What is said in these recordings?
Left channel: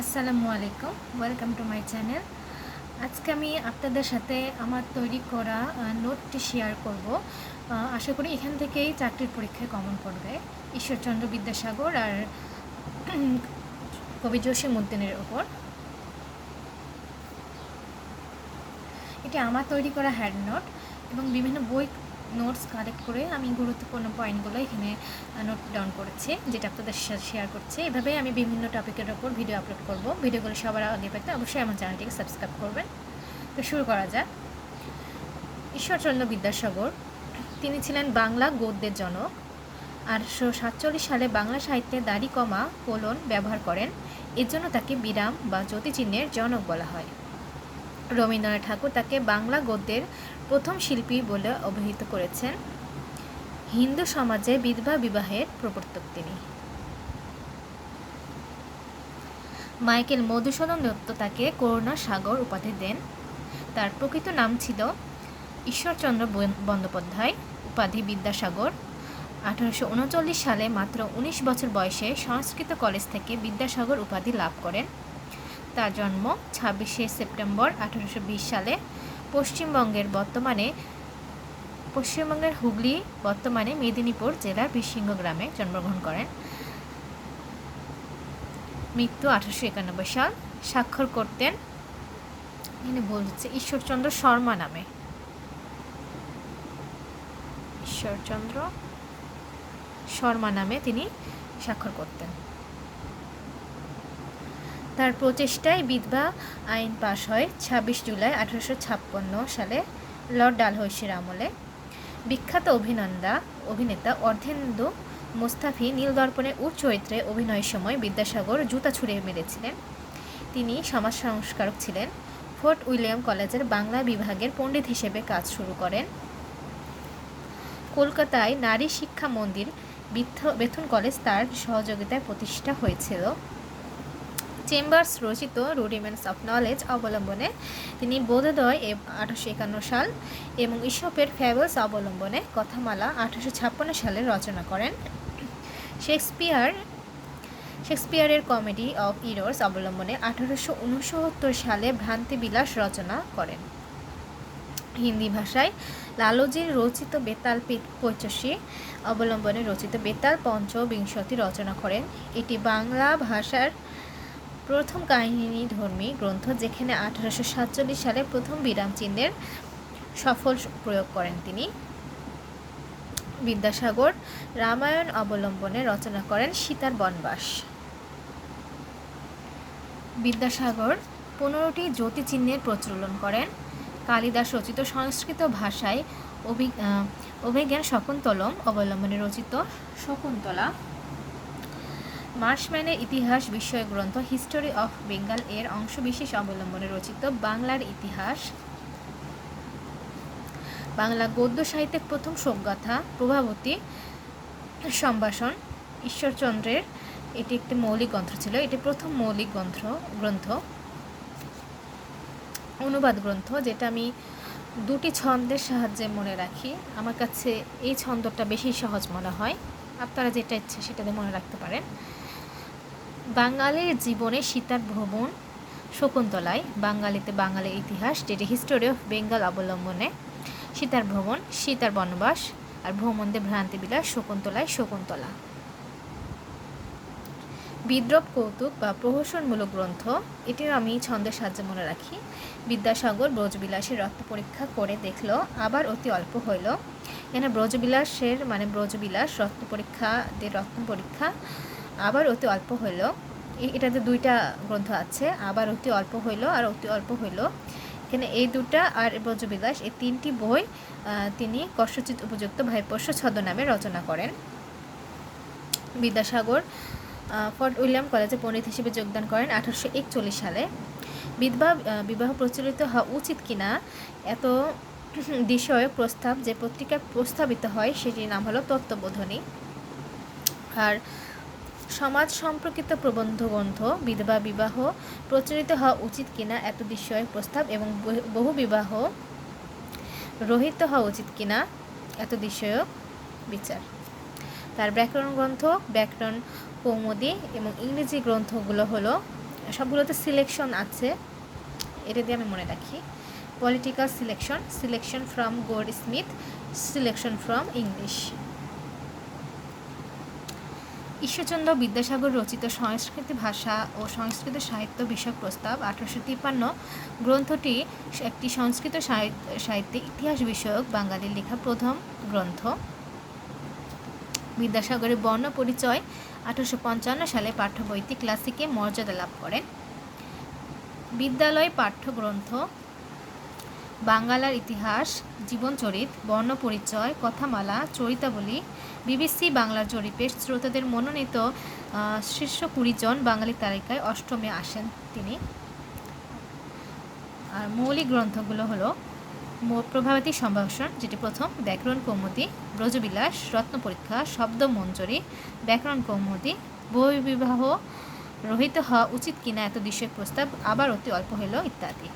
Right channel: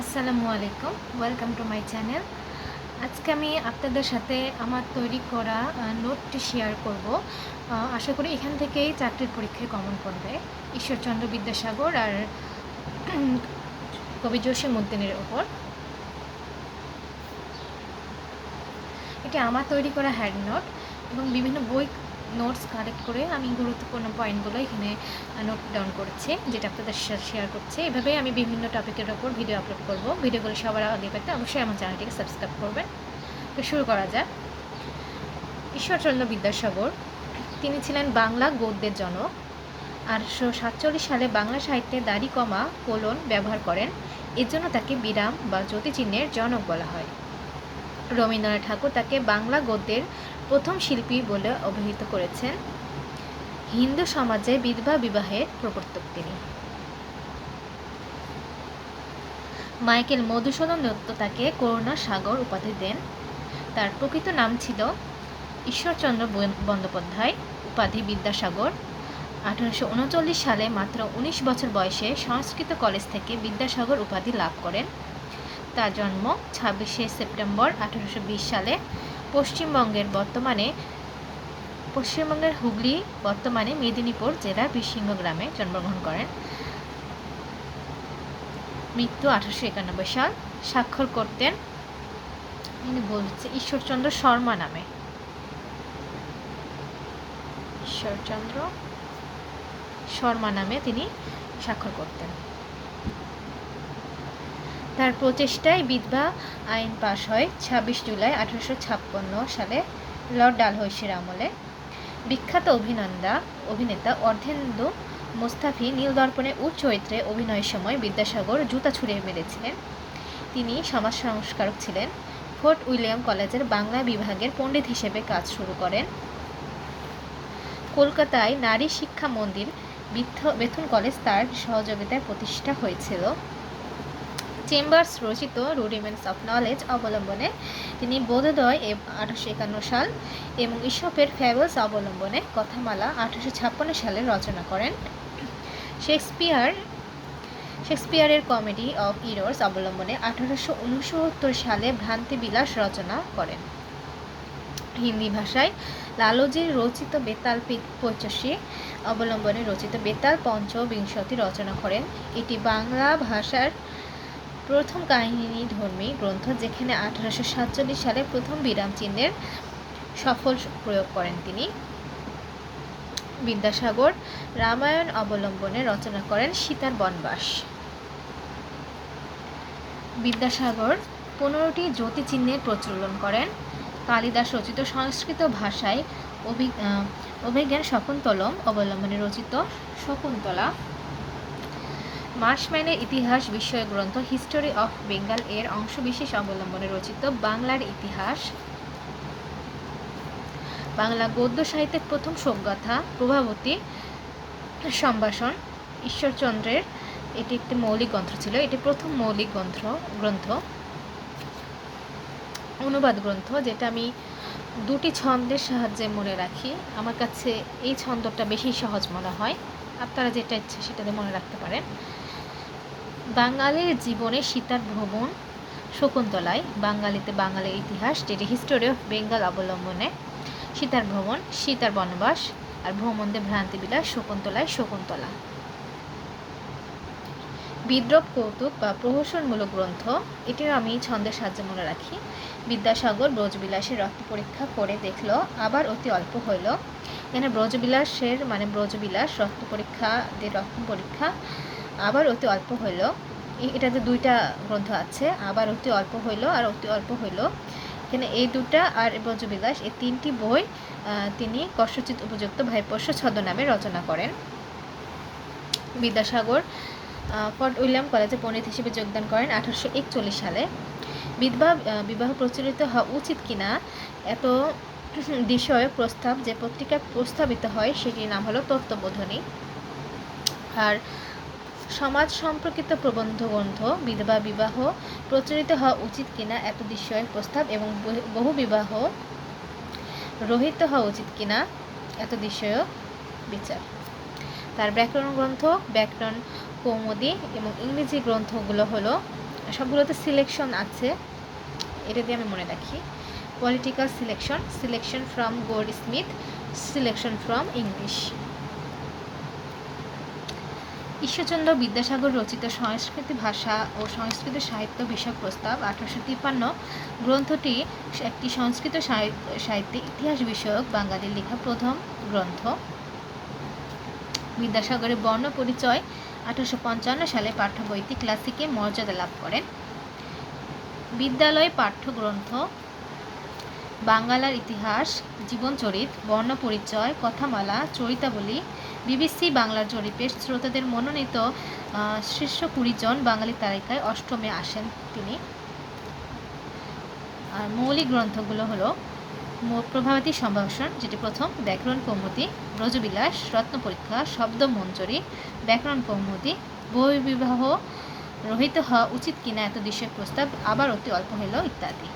আসসালামু আলাইকুম, welcome to my channel. আজকে আমি আপনাদের সাথে আমার তৈরি করা নোটটি শেয়ার করব। আশা করি এখান থেকেই চাকরির পরীক্ষায় কমন পড়বে ঈশ্বরচন্দ্র বিদ্যাসাগর আর কবি জসীমউদ্দিনের ওপর। এটা আমার তৈরি করা হ্যান্ড নোট এবং বিভিন্ন বই নোটস কালেক্ট করে আমি গুরুত্বপূর্ণ পয়েন্টগুলো এখানে নোট ডাউন করেছি, যেটা আপনাদের সাথে শেয়ার করছি। এভাবে আমি বিভিন্ন টপিকের ওপর ভিডিও আপলোড করব। ভিডিওগুলো সবার আগে পেতে অবশ্যই আমার চ্যানেলটিকে সাবস্ক্রাইব করবেন। তো শুরু করা যায়। ঈশ্বরচন্দ্র বিদ্যাসাগর তিনি ছিলেন বাংলা গদ্যের জনক। 1847 সালে বাংলা সাহিত্যে দাড়ি কমা কোলন ব্যবহার করেন। এর জন্য তাকে বিরাম বা জ্যোতিচিহ্নের জনক বলা হয়। রবীন্দ্রনাথ ঠাকুর তাকে বাংলা গদ্যের প্রথম শিল্পী বলে অভিহিত করেছেন। হিন্দু সমাজে বিধবা বিবাহের প্রবর্তক তিনি। মাইকেল মধুসূদন দত্ত তাকে করুণা সাগর উপাধি দেন। তার প্রকৃত নাম ছিল ঈশ্বরচন্দ্র বন্দ্যোপাধ্যায়, উপাধি বিদ্যাসাগর। 1839 সালে মাত্র 19 বছর বয়সে সংস্কৃত কলেজ থেকে বিদ্যাসাগর উপাধি লাভ করেন। তার জন্ম 26শে সেপ্টেম্বর 1820 সালে পশ্চিমবঙ্গের হুগলি বর্তমানে মেদিনীপুর জেলার বীরসিংহ গ্রামে জন্মগ্রহণ করেন। মৃত্যু 1891 সাল। স্বাক্ষর করতেন ইনি বলছে ঈশ্বরচন্দ্র শর্মা নামে। ঈশ্বরচন্দ্র শর্মা নামে তিনি স্বাক্ষর করতেন। তার প্রচেষ্টায় বিধবা আইন পাশ হয় 26 জুলাই 1856 সালে লর্ড ডালহৌসির আমলে। বিখ্যাত অভিনেতা অর্ধেন্দু মোস্তাফি নীলদর্পণে চরিত্রে অভিনয়ের সময় বিদ্যাসাগর জুতা ছুঁড়ে মেরেছিলেন। তিনি সমাজ সংস্কারক ছিলেন। ফোর্ট উইলিয়াম কলেজের বাংলা বিভাগের পণ্ডিত হিসেবে কাজ শুরু করেন। কলকাতায় নারী শিক্ষা মন্দির বেথুন কলেজ তার সহযোগিতায় প্রতিষ্ঠা হয়েছিল। চেম্বার্স রচিত রুডিমেন্টস অফ নলেজ অবলম্বনে তিনি বোধোদয় 1851 সাল এবং ঈশপের ফ্যাবলস অবলম্বনে কথামালা 1856 সালে রচনা করেন। শেক্সপিয়ারের কমেডি অফ ইরর্স অবলম্বনে 1869 সালে ভ্রান্তিবিলাস রচনা করেন। হিন্দি ভাষায় লালজির রচিত বেতাল পঁচাশি অবলম্বনে রচিত বেতাল পঞ্চবিংশতি রচনা করেন। এটি বাংলা ভাষার প্রথম কাহিনীধর্মী গ্রন্থ, যেখানে 1847 সালে প্রথম বিরাম চিহ্নের সফল প্রয়োগ করেন তিনি। বিদ্যাসাগর রামায়ণ অবলম্বনে রচনা করেন সীতার বনবাস। বিদ্যাসাগর 15টি জ্যোতিচিহ্নের প্রচলন করেন। কালিদাস রচিত সংস্কৃত ভাষায় অভিজ্ঞান শকুন্তলম অবলম্বনে রচিত শকুন্তলা। মার্শম্যানের ইতিহাস বিষয়ক গ্রন্থ হিস্টোরি অফ বেঙ্গল এর অংশবিশেষ অবলম্বনে রচিত বাংলার ইতিহাস। বাংলা গদ্য সাহিত্যের প্রথম শোকগাথা প্রভাবতী সম্ভাষণ ঈশ্বরচন্দ্রের, এটি একটি মৌলিক গ্রন্থ ছিল। এটি প্রথম মৌলিক গ্রন্থ অনুবাদ গ্রন্থ, যেটা আমি দুটি ছন্দের সাহায্যে মনে রাখি। আমার কাছে এই ছন্দটা বেশি সহজ মনে হয়, আপনারা যেটা ইচ্ছে সেটাতে মনে রাখতে পারেন। বাঙালির জীবনে সীতার ভ্রমণ শকুন্তলায়, বাঙালিতে বাঙালির ইতিহাস, যেটি হিস্টোরি অফ বেঙ্গল অবলম্বনে সীতার ভ্রমণ, সীতার বনবাস, আর ভ্রমণদের ভ্রান্তিবিলাস শকুন্তলায় শকুন্তলা। বিদ্রূপ কৌতুক বা প্রহসনমূলক গ্রন্থ, এটিও আমি ছন্দের সাহায্যে মনে রাখি। বিদ্যাসাগর ব্রজবিলাসের রত্ন পরীক্ষা করে দেখল আবার অতি অল্প হইল। এখানে ব্রজবিলাসের মানে ব্রজবিলাস, রত্ন পরীক্ষা আবার অতি অল্প হইল। এটাতে দুইটা গ্রন্থ আছে, আবার অতি অল্প হইল আর অতি অল্প হইল। এখানে এই দুটা আর ব্রজবিলাস, এই তিনটি বই তিনি কষ্টচিত উপযুক্ত ভাইপোষ্য ছদ্মনামে রচনা করেন। বিদ্যাসাগর ফোর্ট উইলিয়াম কলেজে পণ্ডিত হিসেবে যোগদান করেন 1841 সালে। বিবাহ প্রচলিত হওয়া উচিত কিনা এত বিষয়ক প্রস্তাব যে পত্রিকায় প্রস্তাবিত হয়, সেটির নাম হলো তত্ত্ববোধিনী। আর সমাজ সম্পর্কিত প্রবন্ধ গ্রন্থ বিধবা বিবাহ প্রচলিত হওয়া উচিত কিনা এত বিষয়ক প্রস্তাব এবং বহু বিবাহ রহিত হওয়া উচিত কিনা এত বিষয়ক বিচার। তার ব্যাকরণ গ্রন্থ ব্যাকরণ কৌমুদী এবং ইংরেজি গ্রন্থগুলো হলো সবগুলোতে সিলেকশন আছে, এটা দিয়ে আমি মনে রাখি। Political selection, selection from Goldsmith, selection from English. Ishwarchandra Vidyasagar রচিত সংস্কৃত ভাষা ও সংস্কৃত সাহিত্য বিষয়ক প্রস্তাব 1853 গ্রন্থটি একটি সংস্কৃত সাহিত্যে ইতিহাস বিষয়ক বাঙালির লেখা প্রথম গ্রন্থ। বিদ্যাসাগরের বর্ণ পরিচয় 1855 সালে পাঠ্য বইটি ক্লাসিকে মর্যাদা লাভ করেন। বিদ্যালয় পাঠ্যগ্রন্থ বাংলার ইতিহাস, জীবনচরিত, বর্ণপরিচয়, কথামালা, চরিতাবলী, বিবিসি বাংলার জরিপের শ্রোতাদের মনোনীত শীর্ষ 20 জন বাঙালি তালিকায় 8মে আসেন তিনি। মৌলিক গ্রন্থগুলো হলো প্রভাবতী সম্ভাষণ, যেটি প্রথম, ব্যাকরণ কৌমুদী, ব্রজবিলাস, রত্নপরীক্ষা, শব্দমঞ্জরি, ব্যাকরণ কৌমুদী, বহির্বিবাহ রহিত হওয়া উচিত কিনা এত বিষয়ক প্রস্তাব আবার অতি অল্প হইল ইত্যাদি।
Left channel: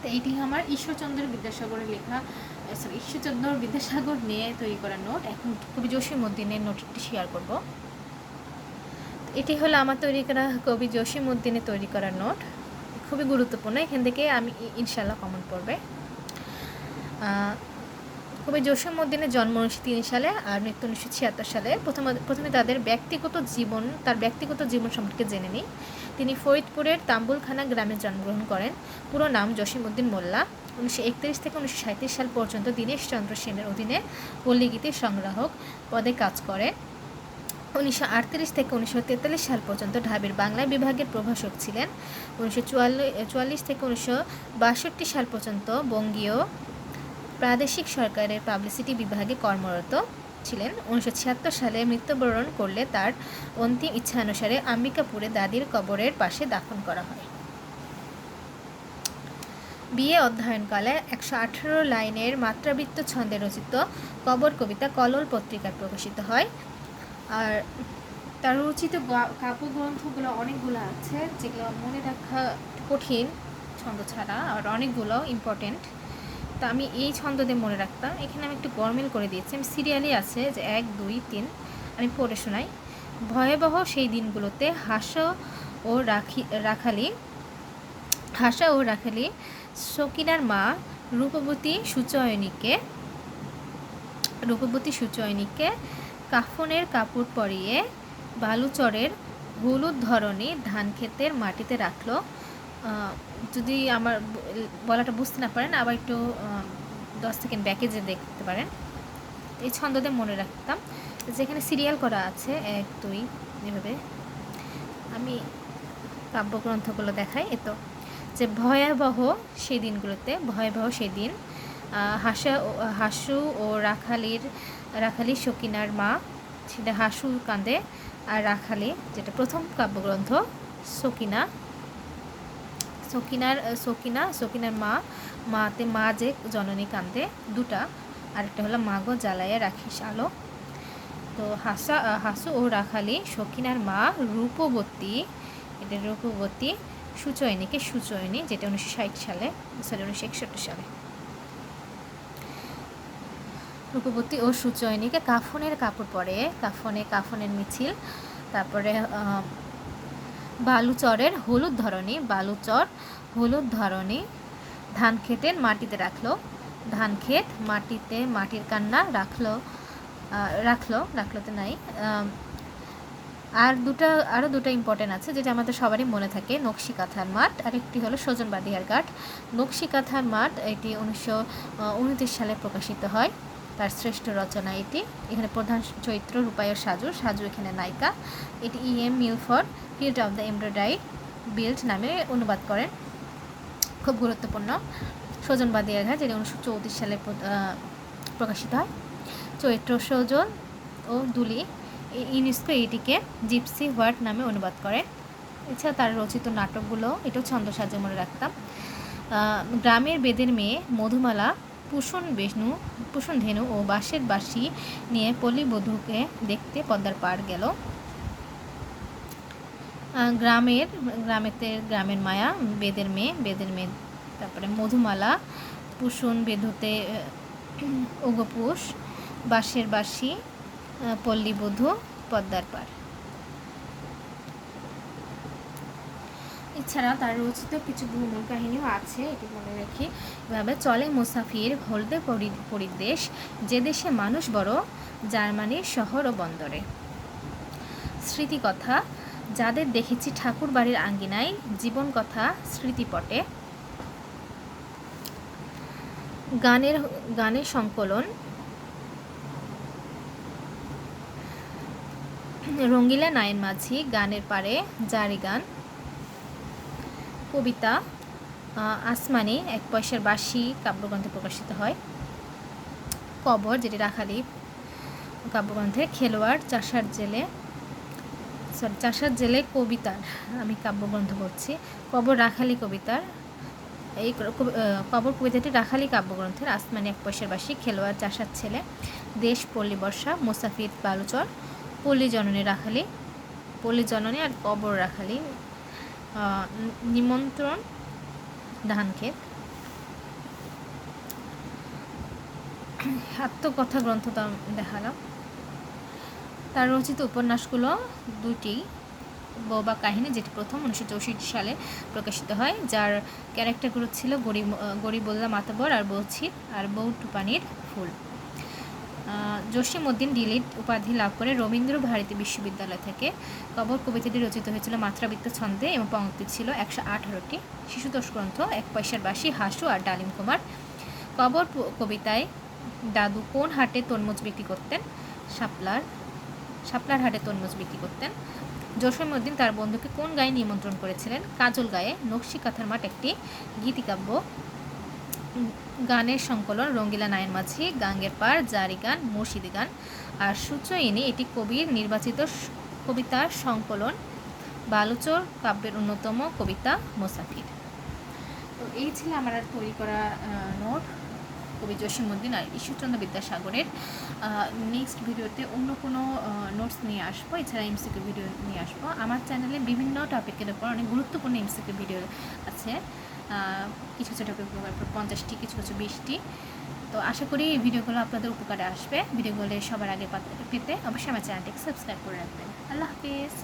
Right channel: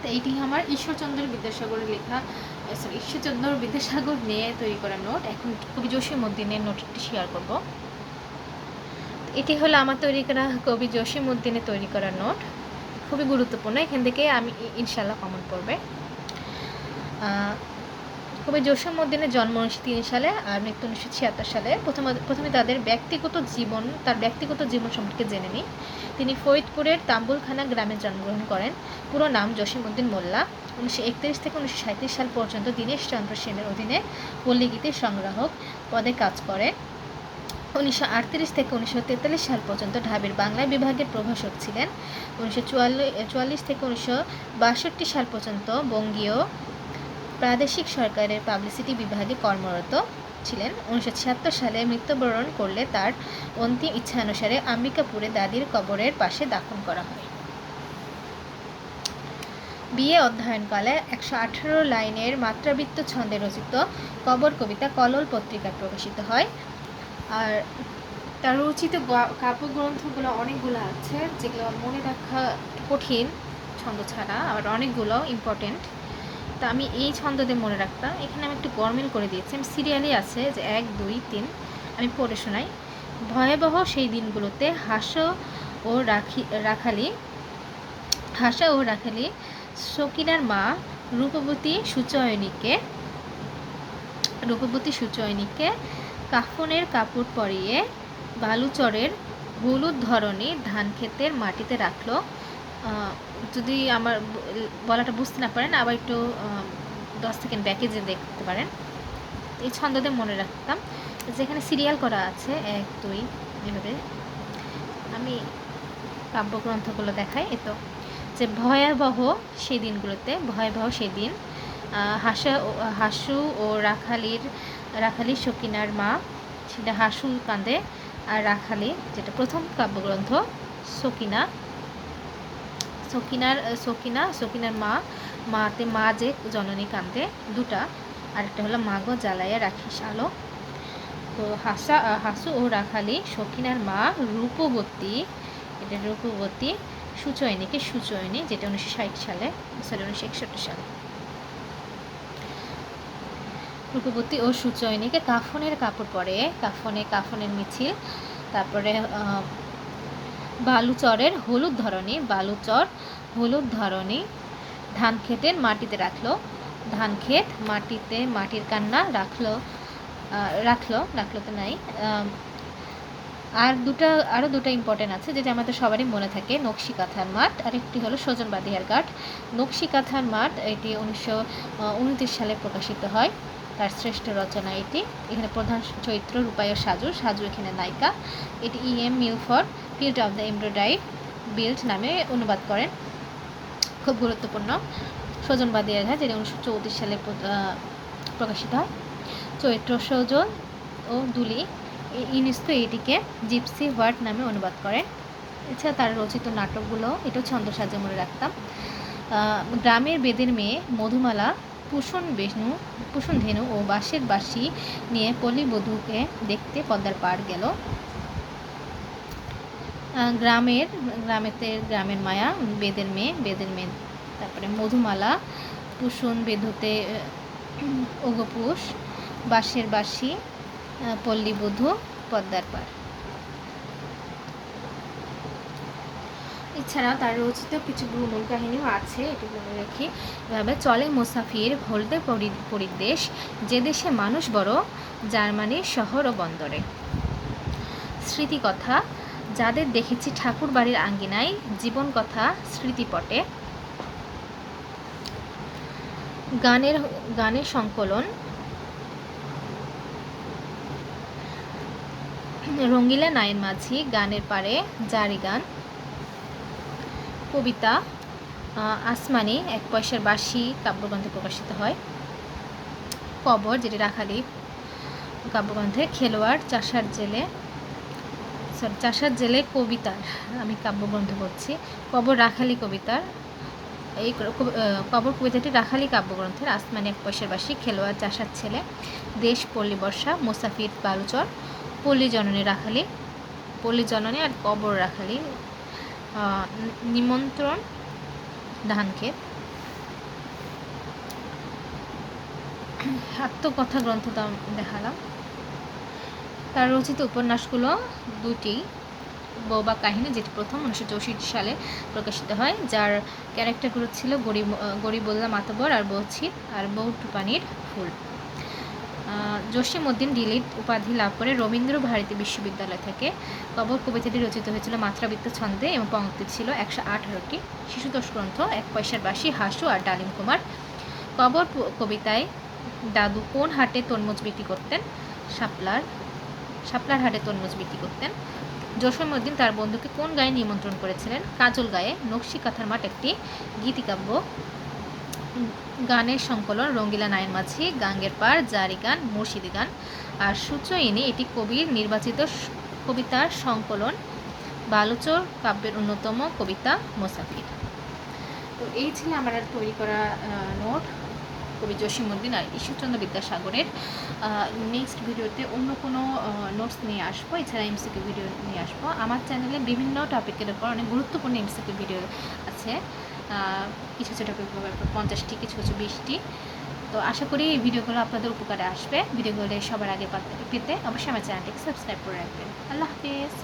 তো এইটি আমার ঈশ্বরচন্দ্র বিদ্যাসাগরের লেখা, ঈশ্বরচন্দ্র বিদ্যাসাগর নিয়ে তৈরি করা নোট। এখন কবি জসীমউদ্দিনের নোটটি শেয়ার করব। এটি হলো আমার তৈরি করা কবি জসীমউদ্দিনের তৈরি করা নোট, খুবই গুরুত্বপূর্ণ। এখান থেকে আমি ইনশাল্লাহ কমেন্ট করবে। কবি জসীমউদ্দিনের জন্ম 1903 সালে আর মৃত্যু 1976 সালে। প্রথমে তার ব্যক্তিগত জীবন সম্পর্কে জেনে নিই। তিনি ফরিদপুরের তাম্বুলখানা গ্রামে জন্মগ্রহণ করেন। পুরো নাম জসীমউদ্দিন মোল্লা। 1931 থেকে 1937 সাল পর্যন্ত দীনেশ চন্দ্র সেনের অধীনে পল্লীগীতির সংগ্রাহক পদে কাজ করে। 1938 থেকে 1943 সাল পর্যন্ত ঢাবির বাংলা বিভাগের প্রভাষক ছিলেন। 1944 থেকে 1962 সাল পর্যন্ত বঙ্গীয় প্রাদেশিক সরকারের পাবলিসিটি বিভাগে কর্মরত ছিলেন। 1976 সালে মৃত্যুবরণ করলে তার অন্তিম ইচ্ছানুসারে আম্বিকাপুরে দাদির কবরের পাশে দাফন করা হয়। বিএ অধ্যয়নকালে 118 লাইনের মাত্রাবৃত্ত ছন্দে রচিত কবর কবিতা কলল পত্রিকায় প্রকাশিত হয়। আর তার রচিত কাব্যগ্রন্থগুলো অনেকগুলো আছে, যেগুলো মনে রাখা কঠিন ছন্দ ছাড়া, আর অনেকগুলো ইম্পর্টেন্ট। তা আমি এই ছন্দ দিয়ে মনে রাখতাম। এখানে আমি একটু গরমিল করে দিয়েছি, আমি সিরিয়ালই আছে যে 1, 2, 3 আমি পড়ে শোনাই। ভয়াবহ সেই দিনগুলোতে হাসা ও রাখালি সকিনার মা রূপবতী সুচয়নীকে কাফনের কাপড় পরিয়ে বালুচরের হলুদ ধরনী ধান ক্ষেতের মাটিতে রাখলো। যদি আমার বলাটা বুঝতে না পারেন, আবার একটু 10 সেকেন্ড ব্যাকে যে দেখতে পারেন। এই ছন্দদের মনে রাখতাম, যেখানে সিরিয়াল করা আছে 1, 2 এভাবে। আমি কাব্যগ্রন্থগুলো দেখাই। এতো যে ভয়াবহ সেই দিন হাসু ও রাখালি সকিনার মা, সেটা হাসু কাঁদে, আর রাখালি যেটা প্রথম কাব্যগ্রন্থ সকিনার মাতে মা যে জননী কান্দে, দুটা। আরেকটা হলো মাগো জ্বালাইয়া রাখিস আলো। তো হাসু ও রাখালি সকিনার মা রূপবতী সুচয়নী, যেটা 1961 সালে। রূপবতী ও সুচয়নীকে কাফনের কাপড় পরে, কাফনের মিছিল। তারপরে বালুচরের হলুদ ধরনী ধান ক্ষেতের মাটিতে রাখলো। মাটির কান্না রাখলো তো নাই। আরও দুটো ইম্পর্টেন্ট আছে, যেটা আমাদের সবারই মনে থাকে। নকশিকাঁথার মাঠ, আরেকটি হলো সজনবাদিয়ার ঘাট। নকশিকাঁথার মাঠ এটি 1929 সালে প্রকাশিত হয়। তার শ্রেষ্ঠ রচনা এটি। এখানে প্রধান চরিত্র রূপায়র সাজু এখানে নায়িকা। এটি E.M. Milford field of the embroidery build নামে অনুবাদ করেন। খুব গুরুত্বপূর্ণ। সজনবাদিয়ার ঘাট, যেটি 1934 সালে প্রকাশিত হয়। চরিত্র সজল ও দুলি। ইউনেস্কো এটিকে জিপসি হোয়াইট নামে অনুবাদ করে। এছাড়া তার রচিত নাটকগুলো এটাও ছন্দ সাজে মনে রাখতাম। গ্রামের বেদের মেয়ে, মধুমালা, পুষণ ধেনু ও বাঁশের বাঁশি নিয়ে পল্লীবধূকে দেখতে পদ্মার পাড় গেল। গ্রামের মায়া, বেদের মেয়ে। তারপরে মধুমালা, পুষণ বেধুতে ওগপুষ, বাঁশের বাঁশি, পল্লীবধূ, পদ্মার পাড়। এছাড়া তার রচিত কিছু ভ্রমণ কাহিনীও আছে, এটি মনে রেখে এভাবে চলে মুসাফির হলদে পরিদেশ, যে দেশে মানুষ বড়, জার্মানির শহর ও বন্দরে। স্মৃতিকথা, যাদের দেখেছি ঠাকুর বাড়ির আঙ্গিনায়, জীবন কথা স্মৃতিপটে। গানের সংকলন, রঙ্গিলা নায়ের মাঝি, গানের পাড়ে, জারি গান। কবিতা, আসমানি, এক পয়সার বাঁশি কাব্যগ্রন্থে প্রকাশিত হয়। কবর, যেটি রাখালি কাব্যগ্রন্থে। খেলোয়াড়, চাষার জেলে কবিতার, আমি কাব্যগ্রন্থ পড়ছি। কবর রাখালি কবিতার, এই কবর কবিতাটি রাখালি কাব্যগ্রন্থের। আসমানি, এক পয়সার বাঁশি। খেলোয়াড়, চাষার ছেলে। দেশ, পল্লী বর্ষা। মুসাফির, বালুচর। পল্লী জননী রাখালি, পল্লী জননী আর কবর রাখালি। নিমন্ত্রণ, ধানক্ষেত। আত্মকথা গ্রন্থ দেখালাম। তার রচিত উপন্যাসগুলো দুটি, বউ বা কাহিনী, যেটি প্রথম 1964 সালে প্রকাশিত হয়, যার ক্যারেক্টারগুলো ছিল গরিবুল্লাহ মাতবর আর বৌছির আর বউ টুপানির ফুল। জসিম উদ্দিন ডিলিট উপাধি লাভ করে রবীন্দ্র ভারতী বিশ্ববিদ্যালয় থেকে। কবর কবিতাটি রচিত হয়েছিল মাত্রাবৃত্ত ছন্দে এবং পংক্তি ছিল 118টি। শিশুতোষ গ্রন্থ, এক পয়সার বাঁশি, হাসু আর ডালিম কুমার। কবর কবিতায় দাদু কোন হাটে তরমুজ বিক্রি করতেন? শাপলার হাটে তরমুজ বিক্রি করতেন। জসিম উদ্দিন তার বন্ধুকে কোন গায়ে নিমন্ত্রণ করেছিলেন? কাজল গায়ে। নকশি কাঁথার মাঠ একটি গীতিকাব্য। গানের সংকলন, রঙ্গিলা নায়ের মাঝি, গাঙ্গের পাড়, জারি গান, মুর্শিদি গান। আর সূত্রয়িনী, এটি কবির নির্বাচিত কবিতার সংকলন। বালুচর কাব্যের অন্যতম কবিতা মুসাফির। তো এই ছিল আমার তৈরি করা নোট কবি জসিম উদ্দিন আর ঈশ্বরচন্দ্র বিদ্যাসাগরের। নেক্সট ভিডিওতে অন্য কোনো নোটস নিয়ে আসবো, এছাড়া এমসিকিউ ভিডিও নিয়ে আসবো। আমার চ্যানেলে বিভিন্ন টপিকের উপর অনেক গুরুত্বপূর্ণ এমসিকিউ ভিডিও আছে, কিছু কিছু টপিক 50টি, কিছু কিছু 20টি। তো আশা করি এই ভিডিওগুলো আপনাদের উপকারে আসবে। ভিডিওগুলো সবার আগে পেতে অবশ্যই আমার চ্যানেলটিকে সাবস্ক্রাইব করে রাখবেন। আল্লাহ হাফিজ।